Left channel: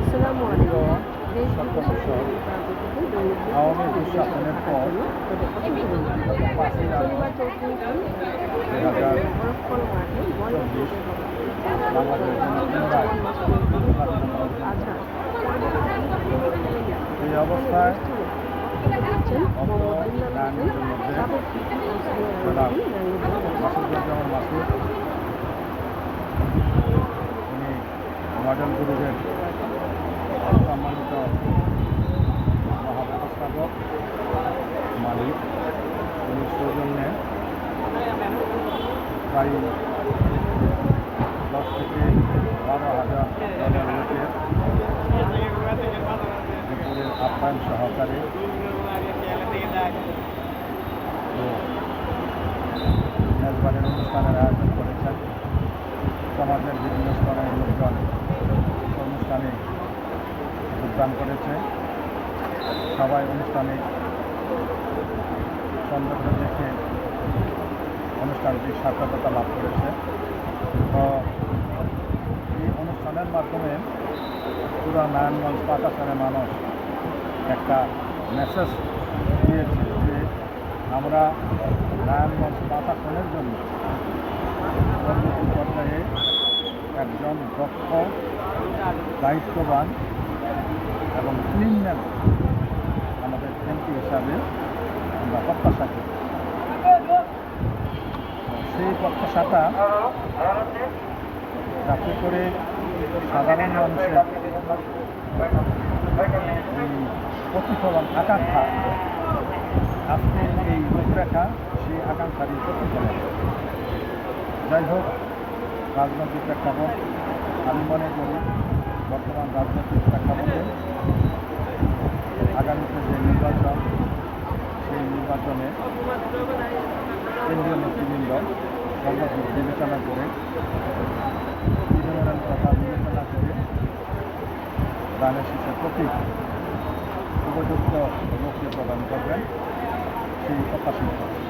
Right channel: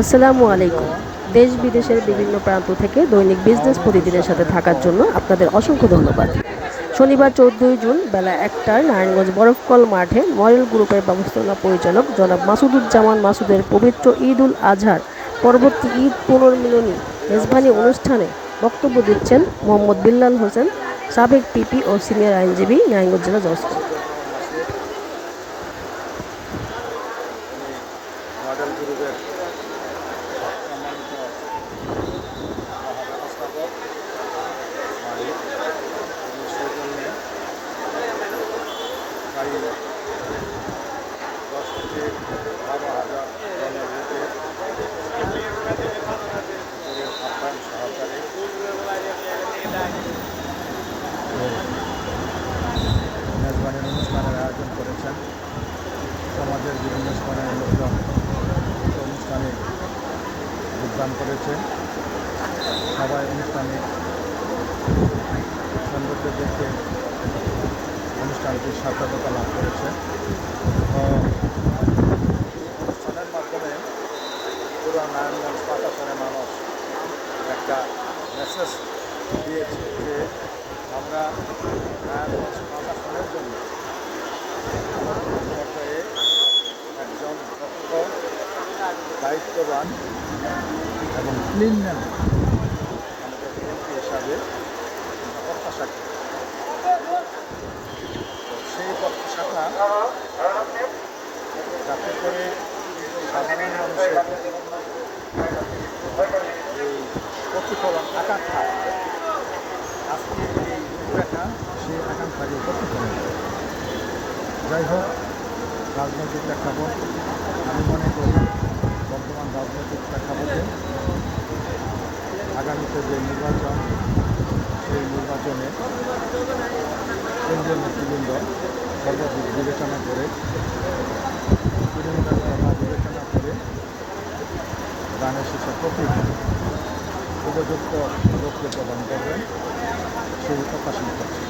আসসালামু আলাইকুম। দেশ বিদেশের বিভিন্ন প্রান্ত থেকে দৈনিক বিজনেস প্রতিদিনের সাথে থাকার জন্য আপনাদের অসংখ্য ধন্যবাদ। শনিবার 14 জুন বেলা 1টায় নারায়ণগঞ্জ বরফকল মাঠে মডেল গ্রুপের ব্যবস্থাপনা পরিচালক জনাব মাসুদুজ্জামান মাসুদের পবিত্র ঈদ উল আজহার পরবর্তী ঈদ পুনর্মিলনী মেজবানি অনুষ্ঠানে বক্তব্য দিচ্ছেন মোহাম্মদ বিল্লাল হোসেন, সাবেক পিপি ও সিনিয়র আইনজীবী, নারায়ণগঞ্জ জেলা জজ। মডেল গ্রুপের সম্মানিত মহাব্যবস্থাপক মালিক, তিনি সৌজন্যে প্রায় 10 থেকে 12,000 জনের লোকের দুপুরের আপ্যায়ন সহকারে মেজবানের অনুষ্ঠানের আয়োজন করেছেন। সমাজের বিভিন্ন স্তরের লোকজন অনুষ্ঠানে যোগদান করেছে। সবাই অনুষ্ঠানে সৌন্দর্য দেখে অনুষ্ঠানটি সার্থকতা লাভ করেছে। তো এই অনুষ্ঠানের মাধ্যমে পুরো নারায়ণগঞ্জ পাতাসনের মানুষ একটা মেসেজ দিয়েছে যে আমরা নারায়ণগঞ্জ পাতাসনের জন্য পরবর্তী পর্যায়ে একজন দক্ষ, দায়িত্ববান এবং ক্লিনম্যান আমাদের এমপি হিসাবে আমরা প্রত্যাশা করি। সেই প্রত্যাশাটা যাতে করে সাধারণ মানুষের এই প্রতিফলন আকাঙ্ক্ষা, আজকে এই রূপরেখা সেই আকাঙ্ক্ষারই প্রতিফলন। যাই হোক, রাজনৈতিক প্রেক্ষাপট আমি মনে করি বর্তমান রাজনৈতিক প্রেক্ষাপটে আগামীতে যে নির্বাচন, সেই নির্বাচনে কেন্দ্রীয় নেতৃবৃন্দ সর্বাধিক বিবেচনা করে, তৃণমূলের কথা বিবেচনা করে দানের শীষের প্রতীক উপযুক্ত লোককে প্রদান করবেন, সেই প্রত্যাশা করছে।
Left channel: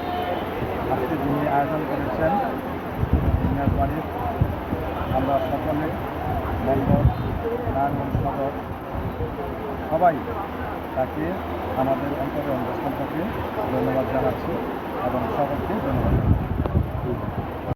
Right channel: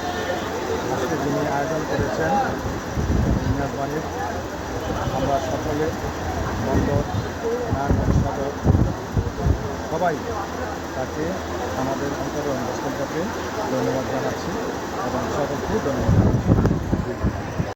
আজকে যিনি আয়োজন করেছেন মেজবানির, আমরা সকলে বন্দর, নারায়ণগঞ্জ সদর সবাই তাকে আমাদের অন্তরে অন্তঃস্থল থেকে ধন্যবাদ জানাচ্ছি এবং সকলকে ধন্যবাদ জানাচ্ছি।